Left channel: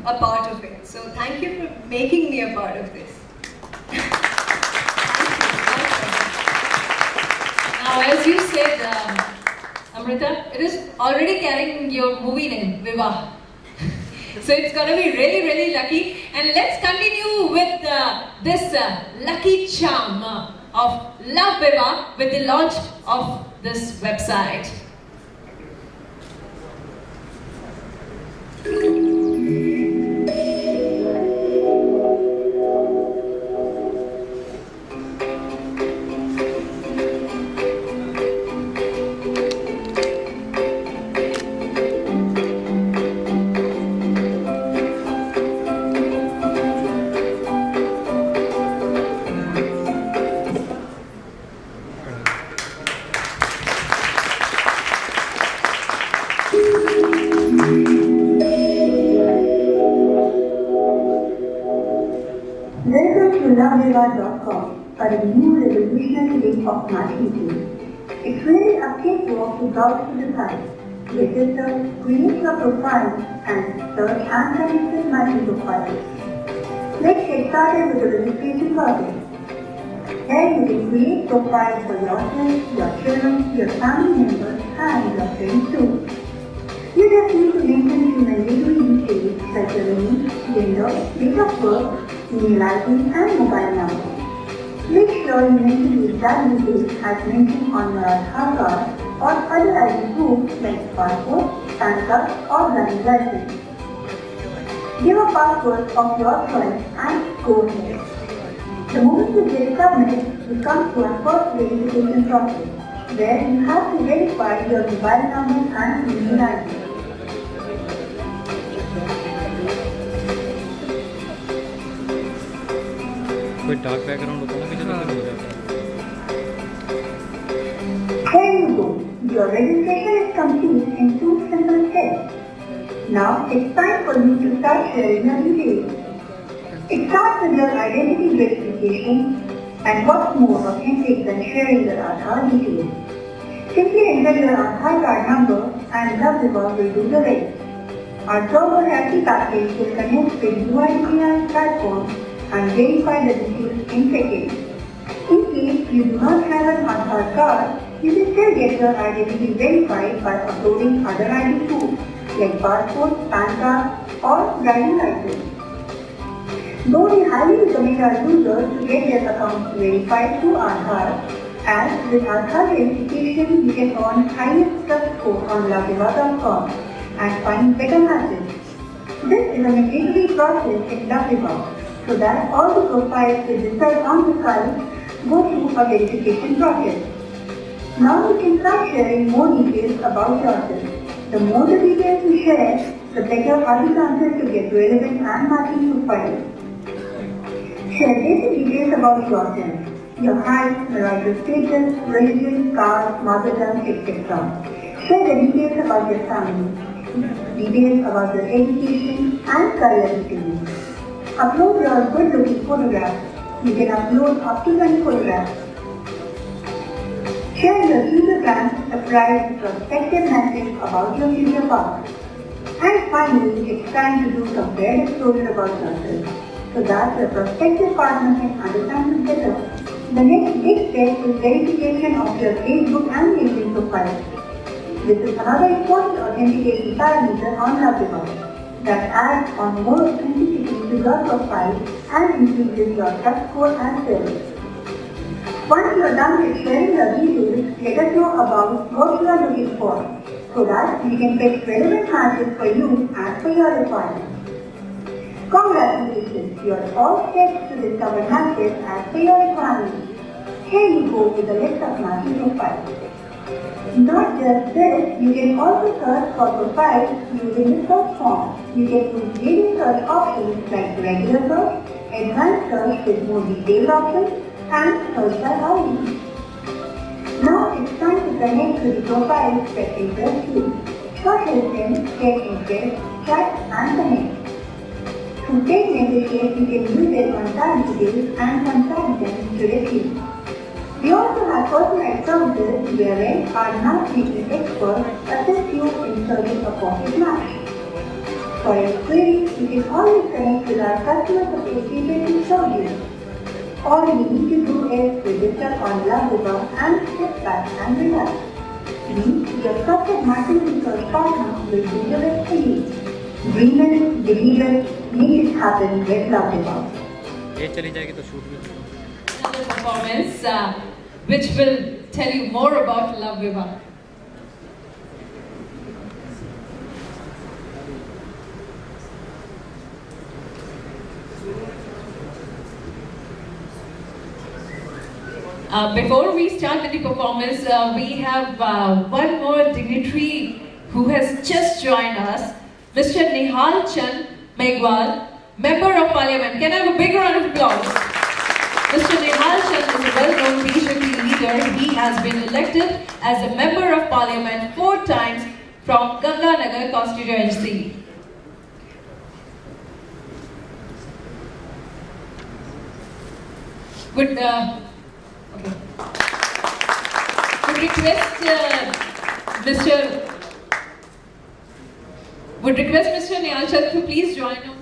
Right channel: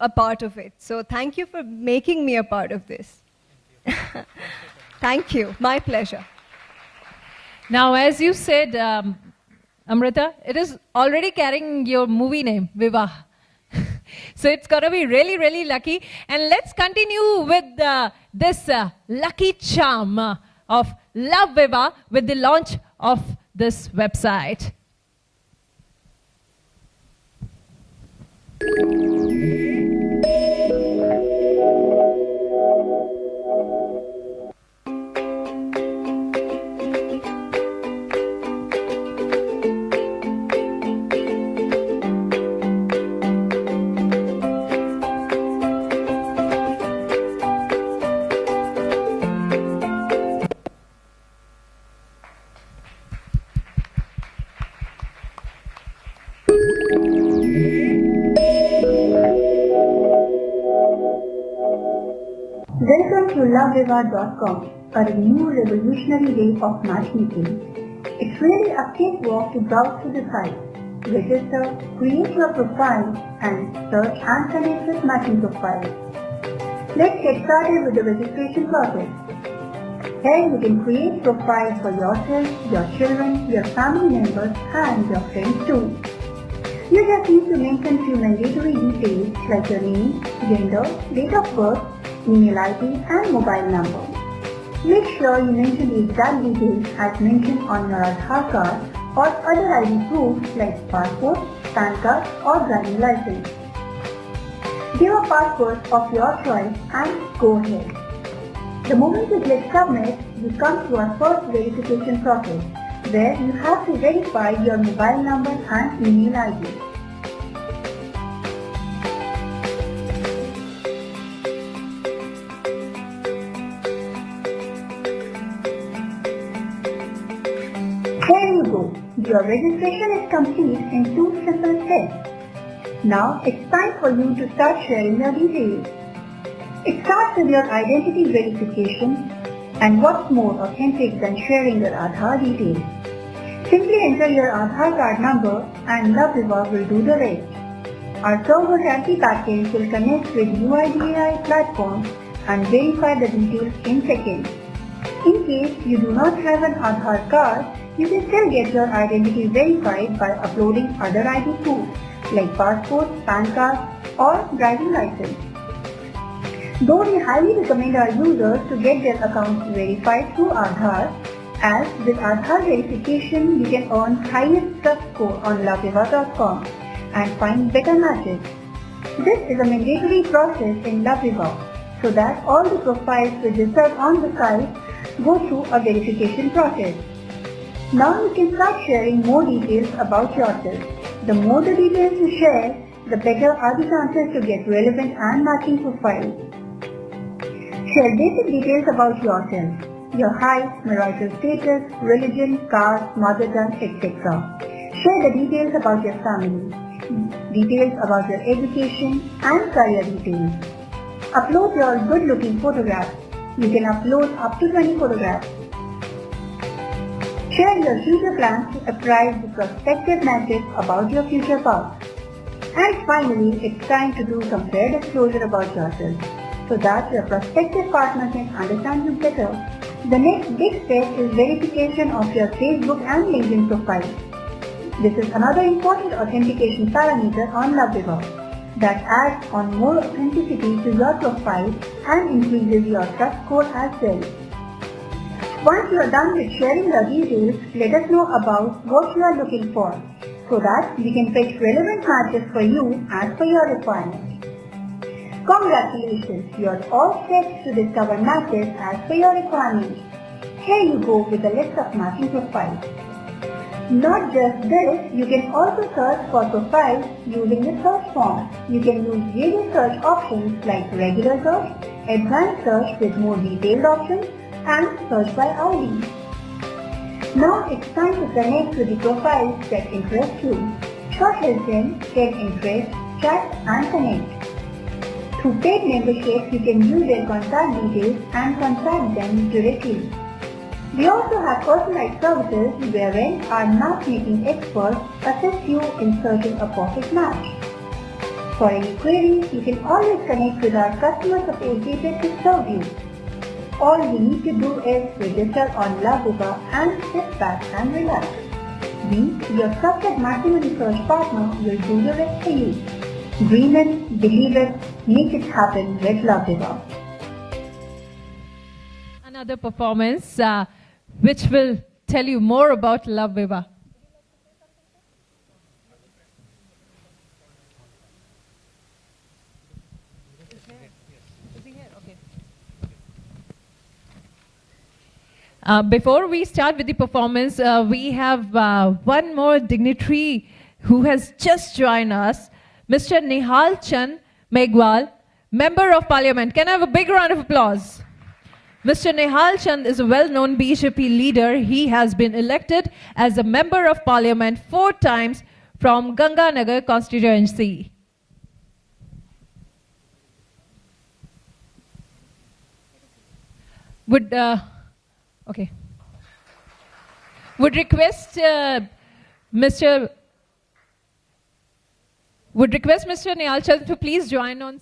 a part of it. So thank you for making me a part of this. Thank you. My pleasure. Now, as you said, Amrita, it is already carrying your movie name, Vivah. So it's gonna be really, really lucky. And let's continue with this lucky charm of Love Vivah with the launch of this website. Welcome to LoveVivah.com, a new revolutionary way of matchmaking. It's really a cakewalk to browse through the site, register, create your profile, and search and connect with matching profiles. Let's get started with the registration process. Here you can create profiles for yourself, your children, your family members, and your friends too. You just need to mention your mandatory details like your name, gender, date of birth, email ID, and mobile number. Make sure you mention the exact details as mentioned on your Aadhaar card or other ID proof like passport, PAN card, or driving license. Give a password of your choice and go ahead. The moment you click submit, you come to our first verification process, where you have to verify your mobile number and email ID. Dark background होगा मुझे तो हो जाता है. There you go. Your registration is complete in 2 simple steps. Now it's time for you to start sharing your details. It starts with your identity verification, and what's more authentic than sharing your Aadhaar details. Simply enter your Aadhaar card number and LoveVivah will do the rest. Our TurboTaxi package will connect with UIDAI platform and verify the details in seconds. In case you do not have an Aadhaar card, you can still get your identity verified by uploading other ID proofs like passport, PAN card, or driving license. Though we highly recommend our users to get their accounts verified through Aadhaar, as with Aadhaar verification you can earn highest trust score on LoveVivah.com and find better matches. This is a mandatory process in LoveVivah, so that all the profiles registered on the site go through a verification process. Now you can start sharing more details about yourself. The more the details you share, the better are the chances to get relevant and matching profiles. Share basic details about yourself, your height, marital status, religion, caste, mother tongue, etc. Share the details about your family, details about your education and career routine. Upload your good-looking photographs. You can upload up to 20 photographs. Share your future plans, surprise prospective message about your future path. And finally, it's time to do some rare exposure about yourself, so that your prospective partner can understand you better. The next big step is verification of your Facebook and LinkedIn profile. This is another important authentication parameter on LoveVivah that adds on more authenticity to your profile and increases your trust score as well. Once you are done with sharing your details, let us know about what you are looking for, so that we can pick relevant matches for you as per your requirements. Congratulations, you are all set to discover matches as per your requirements. Here you go with a list of matching profiles. Not just this, you can also search for profiles using the search form. You can use various search options like regular search, advanced search with more detailed options, and search by ID. Now it's time to connect to the profiles that interest you. Shortlist them, get interest, chat and connect. Through paid memberships, you can use their contact details and contact them directly. We also have personalized services wherein our matchmaking experts assist you in searching a perfect match. For your queries, you can how you connect with our customer support agent in Saudi. All you need to do is register on LoveViva and sit back and relax. We, your trusted maximum research partner, will do your best for you. Dream it, believe it, make it happen with LoveViva. ये चली जाएगी तो shoot भी Another performance which will tell you more about LoveViva. Before we start with the performance, we have one more dignitary who has just joined us, Mr. Nihal Chand Megwal, Member of Parliament. Can I have a big round of applause? Mr. Nihal Chand is a well-known BJP leader. He has been elected as a Member of Parliament 4 times from Ganganagar constituency. Would request Mr. Nihal Chand to please join us.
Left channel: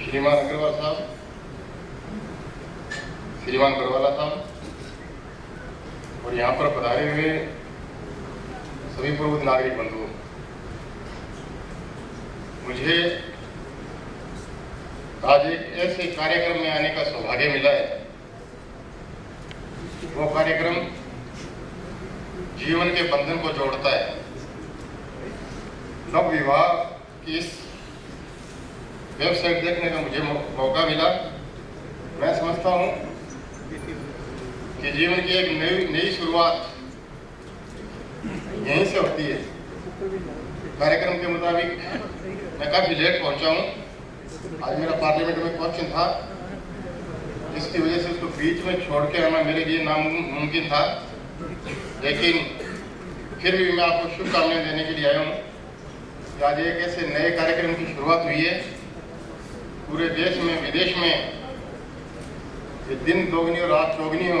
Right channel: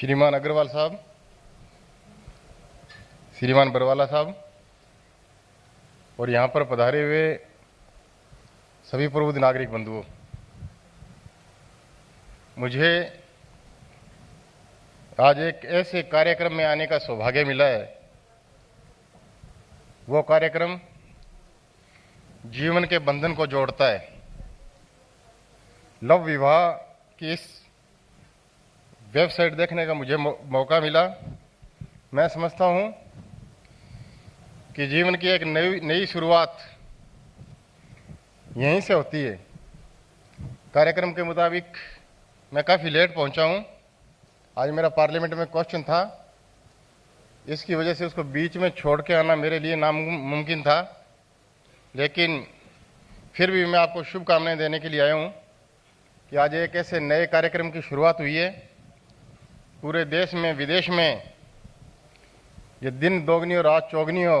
श्रीमान अग्रवाल साहब, श्रीमान बरवाला साहब और यहाँ पर पधारे हुए सभी प्रबुद्ध नागरिक बंधु, मुझे आज एक ऐसे कार्यक्रम में आने का सौभाग्य मिला है। वो कार्यक्रम जीवन के बंधन को जोड़ता है। LoveViva की इस वेबसाइट देखने का मुझे मौका मिला। मैं समझता हूँ कि जीवन की एक नई शुरुआत यहीं से होती है। कार्यक्रम के मुताबिक मैं काफ़ी लेट पहुँचा हूँ। आज मेरा पार्लियामेंट में क्वेश्चन था, इसकी वजह से उसको बीच में छोड़ के आना मेरे लिए नामुमकिन था, लेकिन फिर भी मैं आपको शुभकामनाएं देने के लिए आया हूँ कि आज एक ऐसे नए कार्यक्रम की शुरुआत हुई है। पूरे देश में विदेश में ये दिन दोगुनी और रात चौगुनी हो,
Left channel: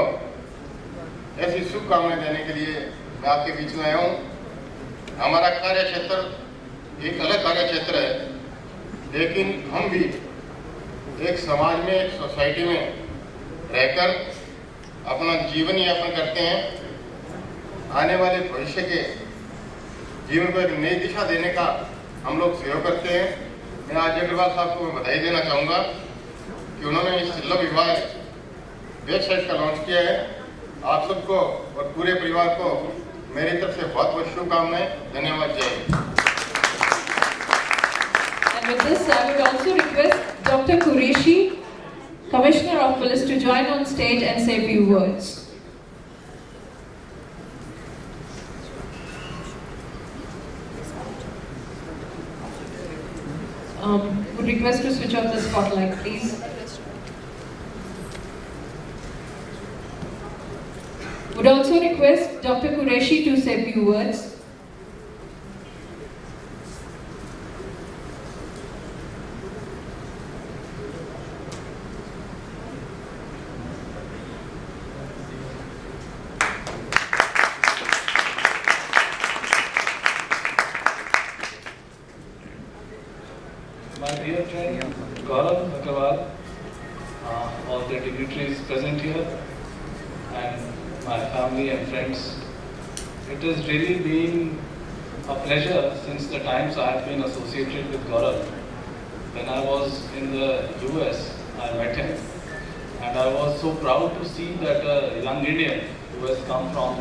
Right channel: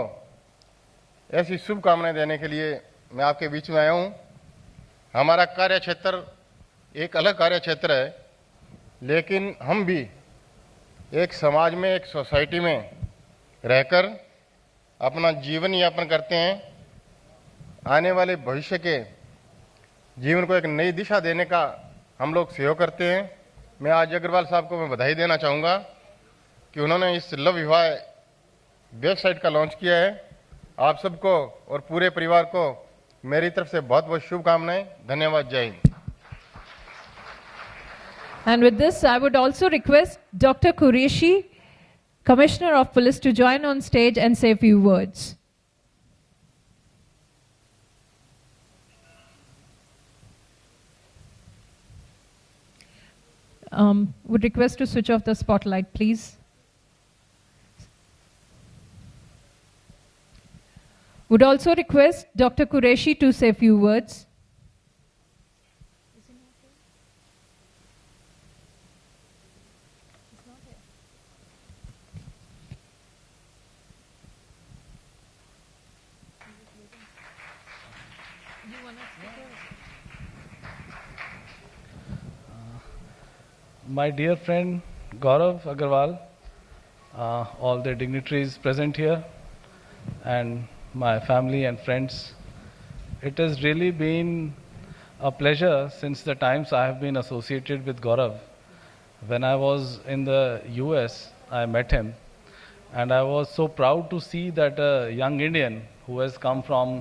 ऐसी शुभकामनाएं देने के लिए मैं आपके बीच में आया हूँ। हमारा कार्य क्षेत्र एक अलग कार्य क्षेत्र है, लेकिन हम भी एक समाज में, एक सोसाइटी में रहकर अपना जीवन यापन करते हैं। आने वाले भविष्य के जीवन को एक नई दिशा देने का हम लोग सहयोग करते हैं। मैं आज अग्रवाल साहब को बधाई देना चाहूँगा कि उन्होंने इस LoveViva वेबसाइट का लॉन्च किया है। आप सबको और पूरे परिवार को मेरी तरफ से बहुत बहुत शुभकामनाएं। धन्यवाद। जय Hind. And with this, I would also request Dr. Qureshi, Commissioner of Police, to join on stage and say a few words. Would request to switch off the spotlight, please. Would also request Dr. Qureshi to say a few words. My dear friend Gaurav Agarwal, all the dignitaries present here, and my family and friends, it has really been a pleasure since the times I have been associated with Gaurav. When I was in the US, I met him, and I was so proud to see that a young Indian who has come from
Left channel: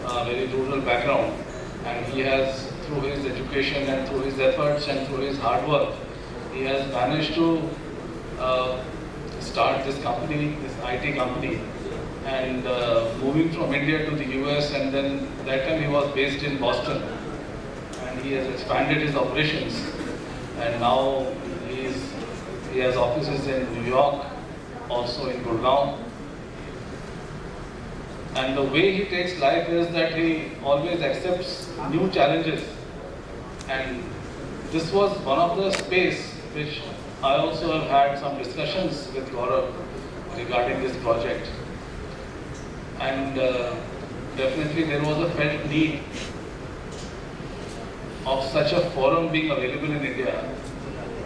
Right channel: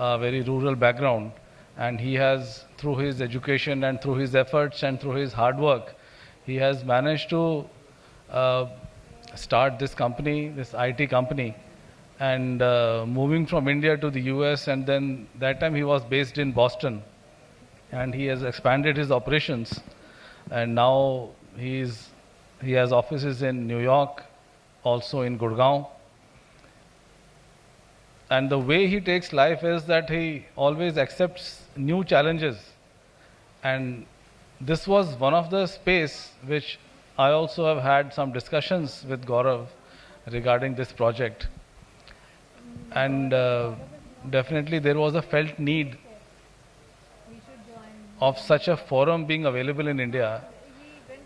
a very rural background, and he has, through his education and through his efforts and through his hard work, he has managed to start this company, this IT company, and moving from India to the US, and then that time he was based in Boston, and he has expanded his operations, and now he has offices in New York, also in Gurgaon. And the way he takes life is that he always accepts new challenges, and this was one of the space which I also have had some discussions with Gaurav regarding this project, and definitely there was a felt need of such a forum being available in India,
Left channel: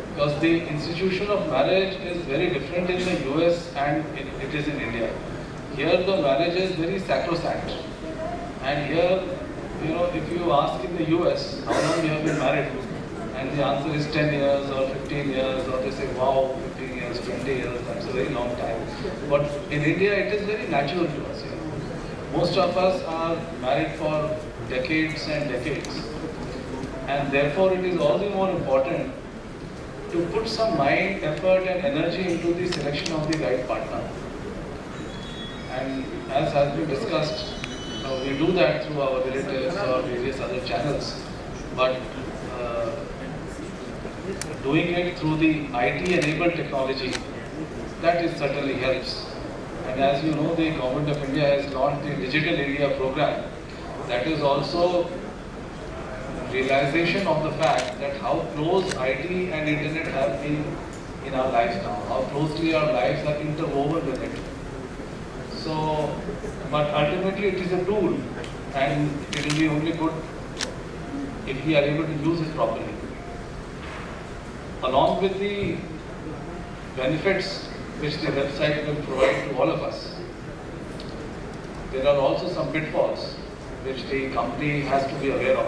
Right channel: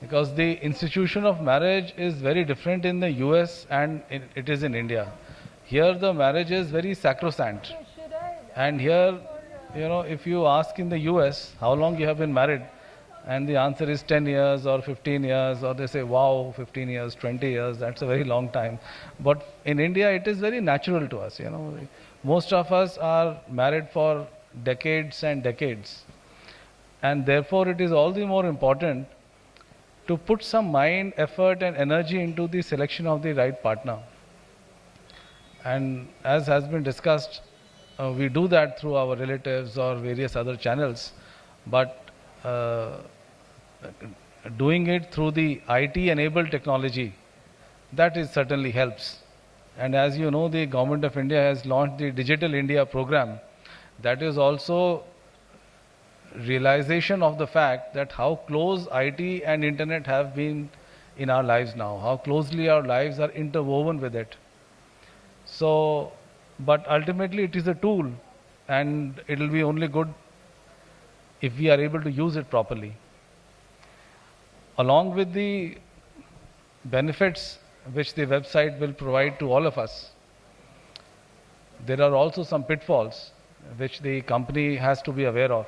because the institution of marriage is very different in the US and it is in India. Here the marriage is very sacrosanct, and here, you know, if you ask in the US how long you have been married, and the answer is 10 years or 15 years, or they say, wow, 15 years, 20 years, that's a very long time. But in India, it is very natural to us, you know. Most of us are married for decades and decades. And therefore, it is all the more important to put some mind, effort and energy into the selection of the right partner. And as has been discussed, we do that through our relatives or various other channels. But doing it through the IT-enabled technology, that is certainly helps. And as you know, the Government of India has launched the Digital India program. That is also realization of the fact that how close IT and internet have been in our lives now, how closely our lives are interwoven with it. So, but ultimately it is a tool, and it will be only good if we are able to use it properly. Along with the benefits which the website will provide to all of us, there are also some pitfalls which the company has to be aware of.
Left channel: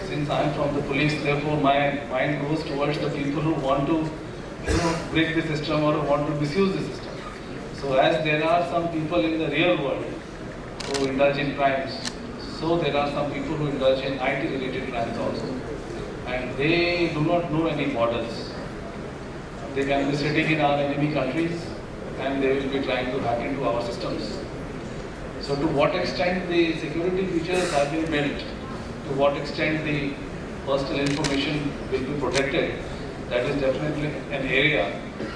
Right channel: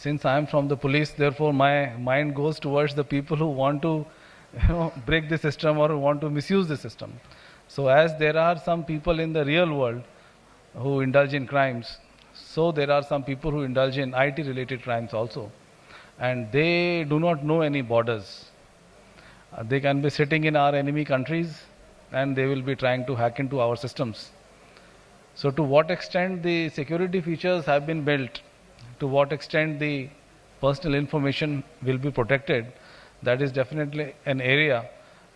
Since I am from the police, therefore my mind goes towards the people who want to break the system or want to misuse the system. So as there are some people in the real world who indulge in crimes, so there are some people who indulge in IT-related crimes also. And they do not know any borders. They can be sitting in our enemy countries and they will be trying to hack into our systems. So to what extent the security features have been built, to what extent the personal information will be protected, that is definitely an area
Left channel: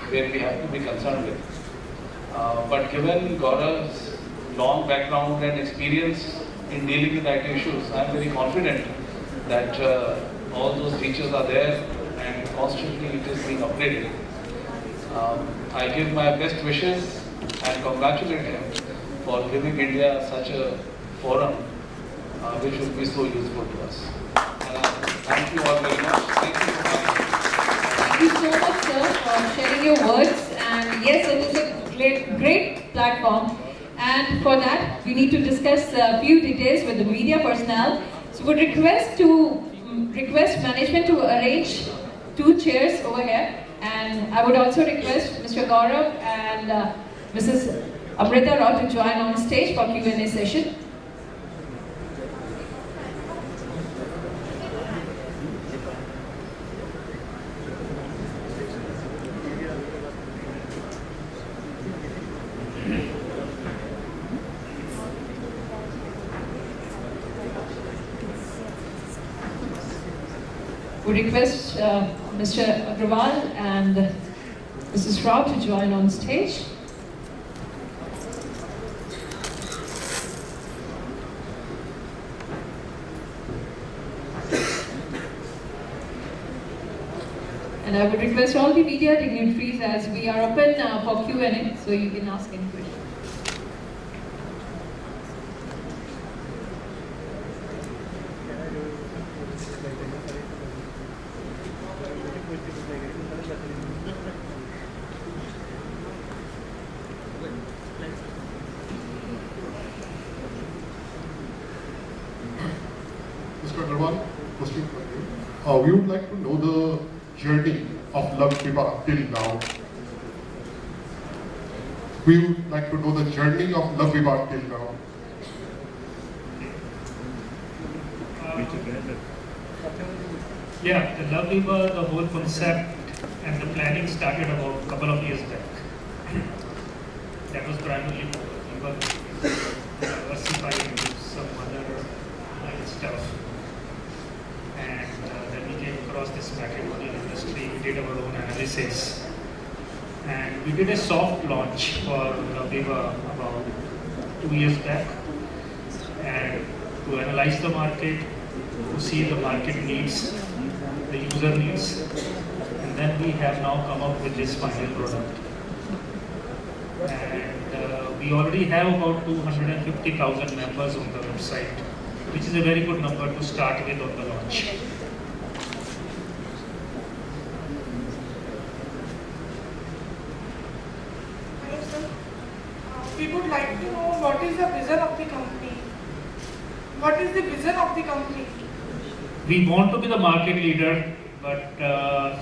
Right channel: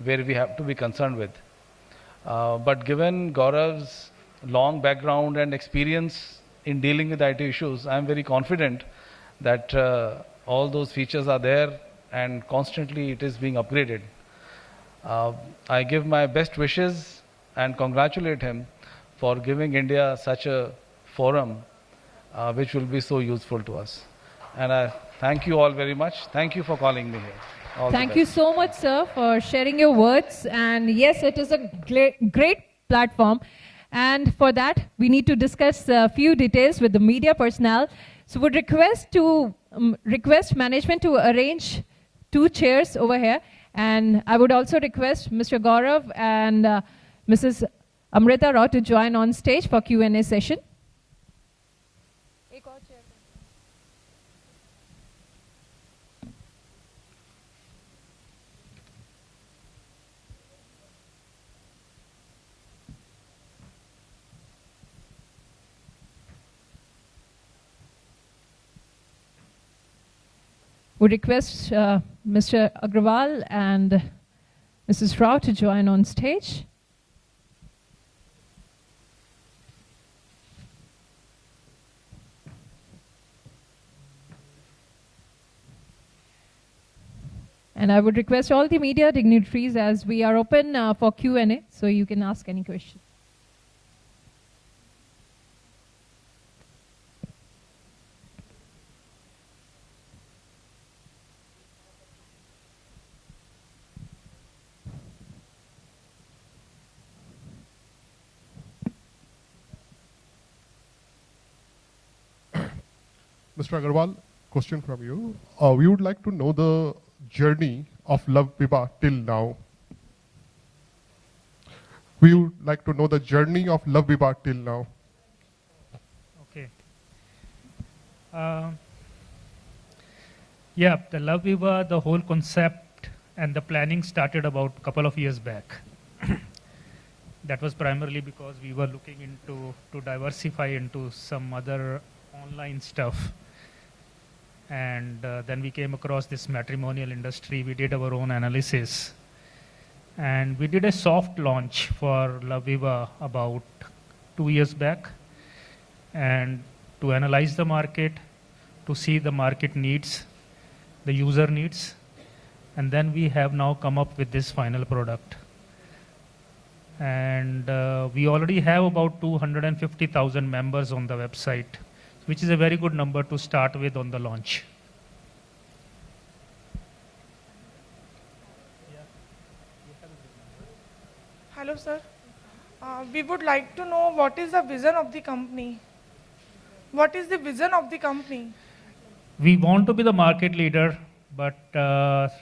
where we have to be concerned with. But given Gaurav's long background and experience in dealing with IT issues, I am very confident that all those features are there and constantly it is being upgraded. I give my best wishes and congratulate him for giving India such a forum which will be so useful to us. And I thank you all very much. Thank you for calling me. Thank you so much, sir, for sharing your words. And yes, it is a great platform. And for that, we need to discuss a few details with the media personnel. So would request management to arrange 2 chairs over here. And I would also request Mr. Gaurav and Mrs. Amrita Rao to join on stage for Q&A session. Would request Mr. Agrawal and Mrs. Rao to join on stage. And I would request all the media dignitaries, as we are open for Q&A, so you can ask any questions. Mr. Agrawal, question from you. We would like to know the journey of Love Vivah till now. We would like to know the journey of Love Vivah till now. Yeah, the Love Vivah, the whole concept and the planning started about a couple of years back. That was primarily we were diversified into some other line stuff. And then we came across this matrimonial industry. We did our own analysis, and we did a soft launch for Love Vivah about 2 years back, and to analyze the market, to see the market needs, the user needs, and then we have now come up with this final product. And we already have about 250,000 members on the website, which is a very good number to start with on the launch. Hello sir, we would like to know what is the vision of the company. What is the vision of the company? We want to be the market leader, but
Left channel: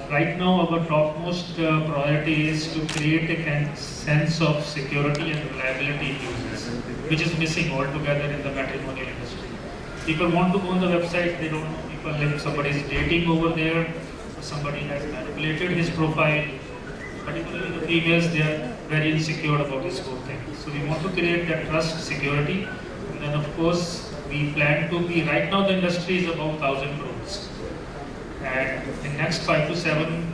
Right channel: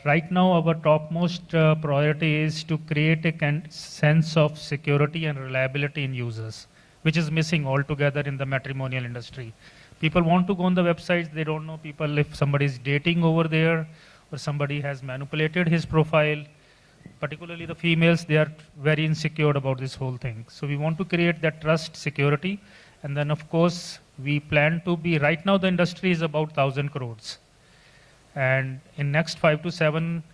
right now our topmost priority is to create a sense of security and reliability in users, which is missing altogether in the matrimonial industry. People want to go on the website, they don't know people if somebody is dating over there, or somebody has manipulated his profile. Particularly the females, they are very insecure about this whole thing. So we want to create that trust, security, and then of course we plan to be, right now the industry is about 1,000 crores. And in next 5 to 7